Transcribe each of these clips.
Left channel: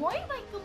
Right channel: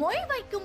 மொய் வைக்கும்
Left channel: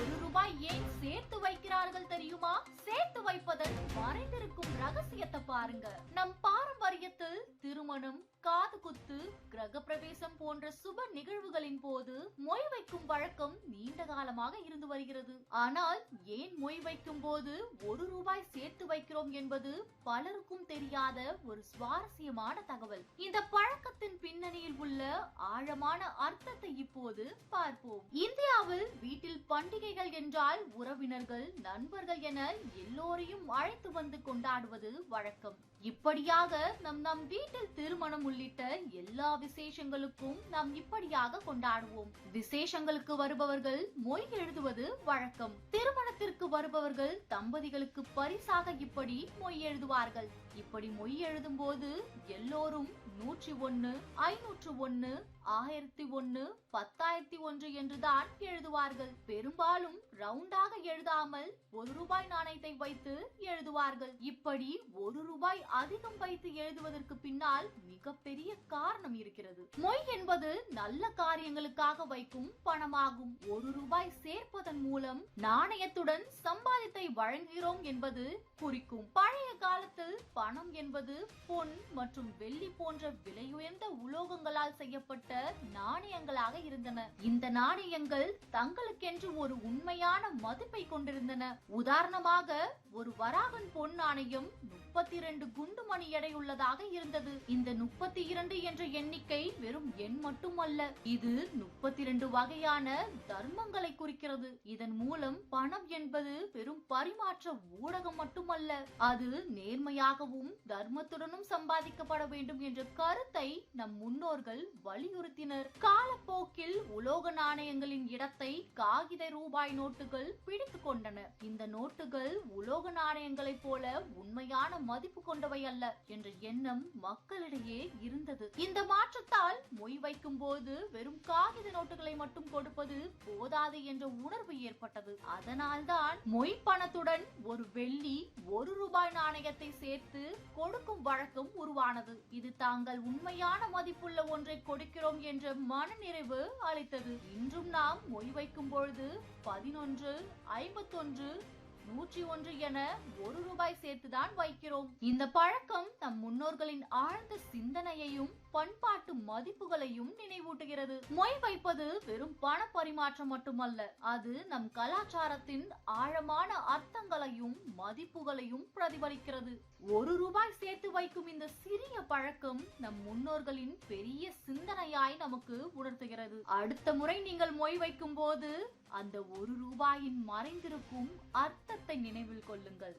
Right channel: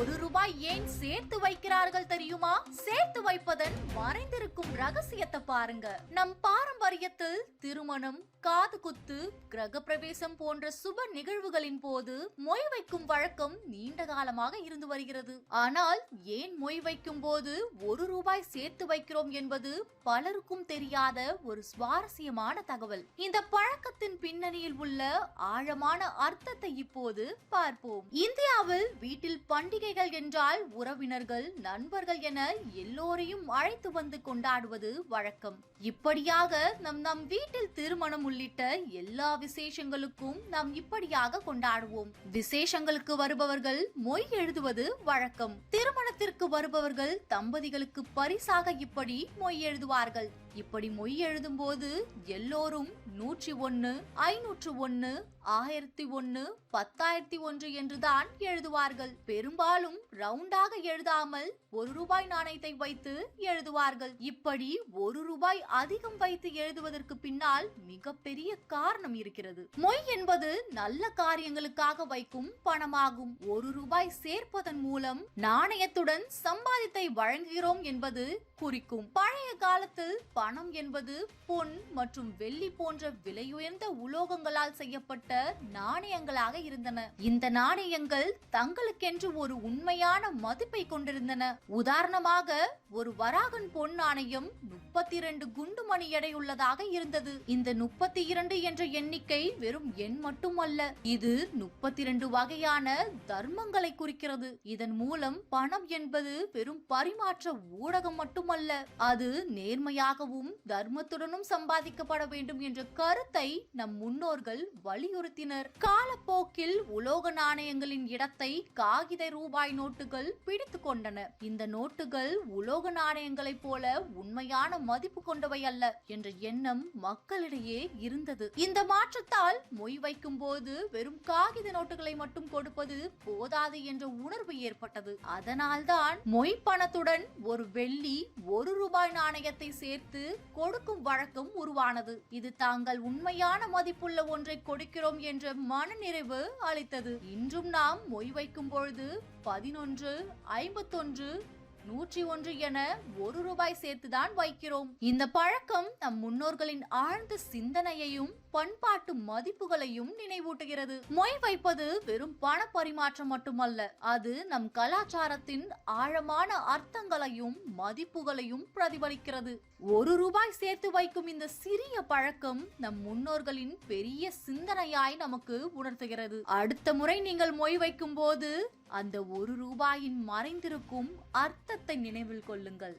ஒரு ரூபாய் ஏன் சேர்த்து வைக்கிறார்கள் தெரியுமா? சேர்த்து வைப்பதன் மறைந்திருக்கும் ரகசியத்தை பாருங்க. நம் பாரம்பரியத்தில் திருமணம் காது குத்து கிரக பிரவேசம் போன்ற சுப நிகழ்வுகளின் போது மொய் வைக்கும் வழக்கம் நீண்ட காலமாக இருந்து வருகிறது. ஆனால் ஏன் மொய் வைக்கும் போது ஒரு ரூபாய் சேர்த்து வைக்கிறோம் என்பது பலருக்கும் தெரியாத ஒரு சுவாரஸ்யமான தகவல். இந்த பழக்கத்தின் பின்னணியில் உள்ள ஆழமான அர்த்தத்தை இப்போது பார்ப்போம். இந்தியாவில் வீட்டில் பண்டிகை பண்டிகைகள் என்றால் உறவினர்கள் நண்பர்கள் என எல்லோரையும் அழைத்து வந்து கொண்டாடுவது வழக்கம். இப்படியாக நம் நம் வீட்டில் திருமணம் உள்ளிட்ட எல்லா விசேஷங்களுக்கும் நாம் இப்படியாக கொண்டாடுவோம். விசேஷங்களுக்கு வருபவர்கள் மொய் எழுதுவது வழக்கம். திருமணத்திற்கு வருபவர்கள் தம்பதிகளுக்கு பரிசாக இப்படி மொய் எழுதுவார்கள். இப்படி மொய் எழுதும் போது எல்லோரும் நூற்றி ஒன்னு ஐநூற்று ஒன்னு ஆயிரத்தி ஒன்று பத்தாயிரத்தி ஒன்று என்றுதான் எழுதுவார்கள். பெரும்பாலும் ரவுண்டாக எழுதாமல் ஒரு ரூபாய் நாணயத்தை வைத்து எழுதுவார்கள். இப்படி ஒரு ரூபாய் அதிகம் வைத்து எழுதுவதற்கு பின்னால் மிகப்பெரிய காரணம் இருக்கிறது. மொய் என்பது நல்ல காரியங்களுக்காக வைக்கும் பணமாகும். ஒரு ரூபாய் சேர்ப்பதன் மூலம் நாணயத்துடன் சம்பாதித்தை வழங்குகிறோம் என்பது குறிக்கும். பழைய காலத்தில் பணம் என்பது பொன் மற்றும் வெள்ளி போன்ற விலையுயர்ந்த உலோகங்களால் செய்யப்பட்ட நாணயங்களாக இருந்தன. இந்த நாணயங்கள் தங்களுக்கென்று ஒரு உண்மையான மதிப்பை கொண்டிருந்தன. உதாரணமாக ஒரு வராகன் பொன் நாணயம் முப்பத்தி இரண்டு குண்டு மணி எடையுள்ளதாக இருந்தது. இந்த முப்பத்தி இரண்டு என்ற எண்ணிக்கை வெறும் எண் மட்டுமல்ல. இது முப்பத்தி இரண்டு வகையான தர்மங்களை குறிக்கிறது. இதன் மூலம் பணம் என்பது வெறும் பரிமாற்ற ஊடகம் மட்டுமல்ல. அது நேர்மையாகவும் தர்மத்துடனும் சம்பாதிக்கப்பட வேண்டும் என்ற கருத்தை நம் முன்னோர்கள் வலியுறுத்தினர் காலப்போக்கில் உலோக நாணயங்களின் இடத்தை காகித ரூபாய் நோட்டுகள் பிடித்து கொண்டன. இந்த நோட்டுகள் உலோக நாணயங்களைப் போல உண்மையான மதிப்பு கொண்டவை அல்ல என்ற எண்ணம் மக்களிடையே இருந்தது. இந்த மாற்றத்தால் மொய் வைக்கும் போது வெறும் காகித நோட்டுகளை மட்டும் கொடுப்பது போதாது என்ற உணர்வு ஏற்பட்டது. அதனால்தான் மொய் பணத்துடன் ஒரு வெள்ளி ஒரு ரூபாய் நாணயத்தை சேர்த்து கொடுக்கும் வழக்கம் உருவானது. இது தாங்கள் உண்மையான மதிப்புள்ள ஒன்றை கொடுக்கிறோம் என்ற மனநிறைவு அளித்தது. இன்றும் நாம் மொய் வைக்கும் பொழுது பதினொன்று ஐம்பத்தொன்று நூற்றி ஒன்று என ஒரு ரூபாய் சேர்த்துதான் வைக்கிறோம். இந்த பழக்கம் நம் முன்னோர்களின் ஆழ்ந்த சிந்தனையையும் பண்பாட்டு மதிப்புகளையும் நினைவூட்டுகிறது. மொய் வைப்பது வெறும் பண பரிமாற்றம் மட்டுமல்ல அது நம் கலாச்சாரத்தின் ஆழமான அர்த்தங்களையும் மதிப்புகளையும் பிரதிபலிக்கிறது. ஒரு ரூபாய் சேர்த்து வைக்கும் இந்த சிறிய பழக்கம் நம் முன்னோர்களின் பெரிய சிந்தனையாய் நமக்கு உணர்த்துகிறது. அடுத்த முறை நீங்கள் மொய் வைக்கும் போது அந்த ஒரு ரூபாயின் மறைந்திருக்கும் அர்த்தத்தை நினைவில் கொள்ளுங்கள்.